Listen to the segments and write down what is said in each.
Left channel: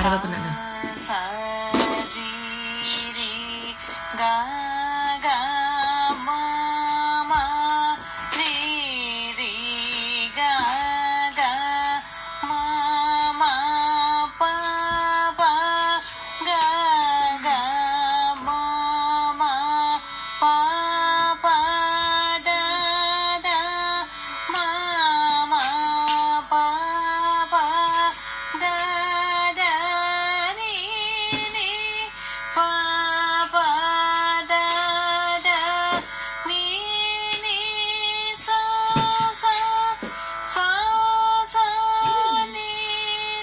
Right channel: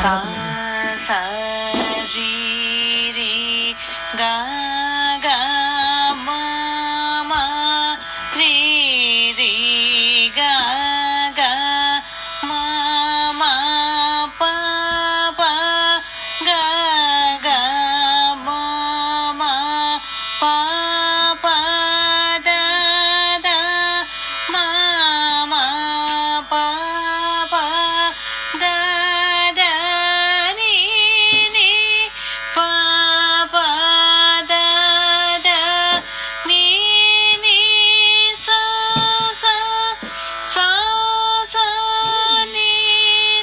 అరవకు నాన్న. సరి రి గా గా మా మా రి రి గా గా మా మా పా పా గా గా మా మా పా పా దా దా మా మా పా పా దా దా ని ని పా పా దా దా ని ని సా సా సా సా ని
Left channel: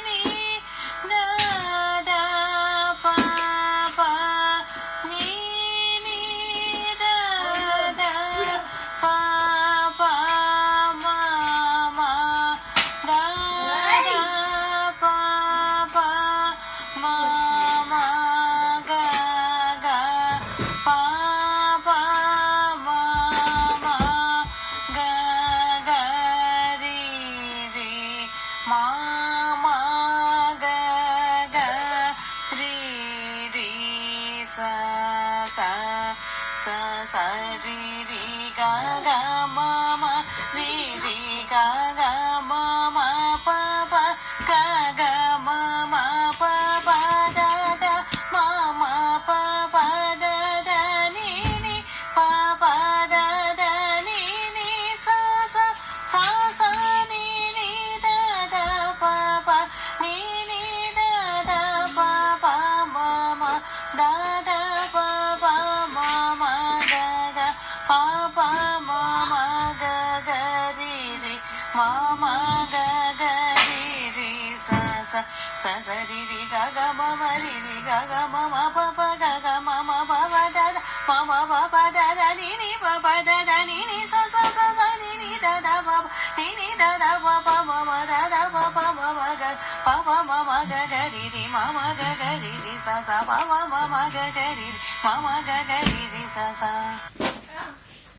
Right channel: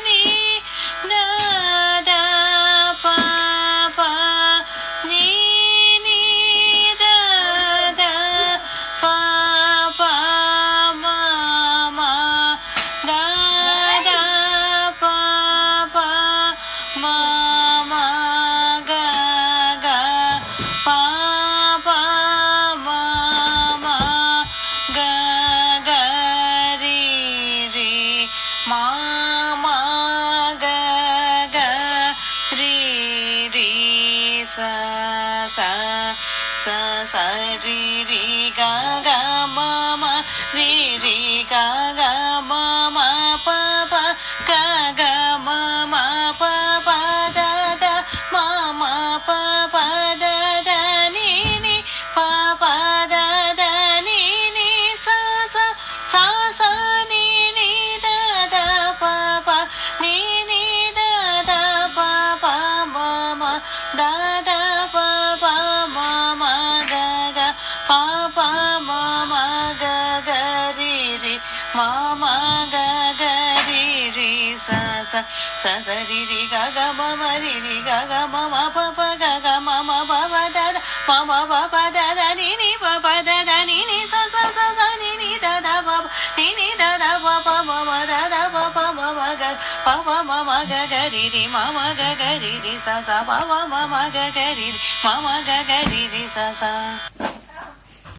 ని దా దా పా పా ని ని దా దా పా పా మా మా దా దా పా పా మా మా గా గా పా పా మా మా గా గా రి రి మా మా గా గా రి రి సా సా సా సా రి రి గా గా మా మా రి రి గా గా మా మా పా పా గా గా మా మా పా పా దా దా మా మా పా పా దా దా ని ని పా పా దా దా ని ని సా సా సా సా ని ని దా దా పా పా ని ని దా దా పా పా మా మా దా దా పా పా మా మా గా గా పా పా మా మా గా గా రి రి మా మా గా గా రి రి సా సా సా సా రి రి గా గా మా మా రి రి గా గా మా మా పా పా గా గా మా మా పా పా దా దా మా మా పా పా దా దా ని ని పా పా దా దా ని ని సా సా సా సా ని ని దా దా పా పా ని ని దా దా పా పా మా మా దా దా పా పా మా మా గా పా పా మా మా గా గా రి రి మా మా గా గా రి రి సా సా పా పా మా మా గా గా రి రి మా మా గా గా రి రి సా సా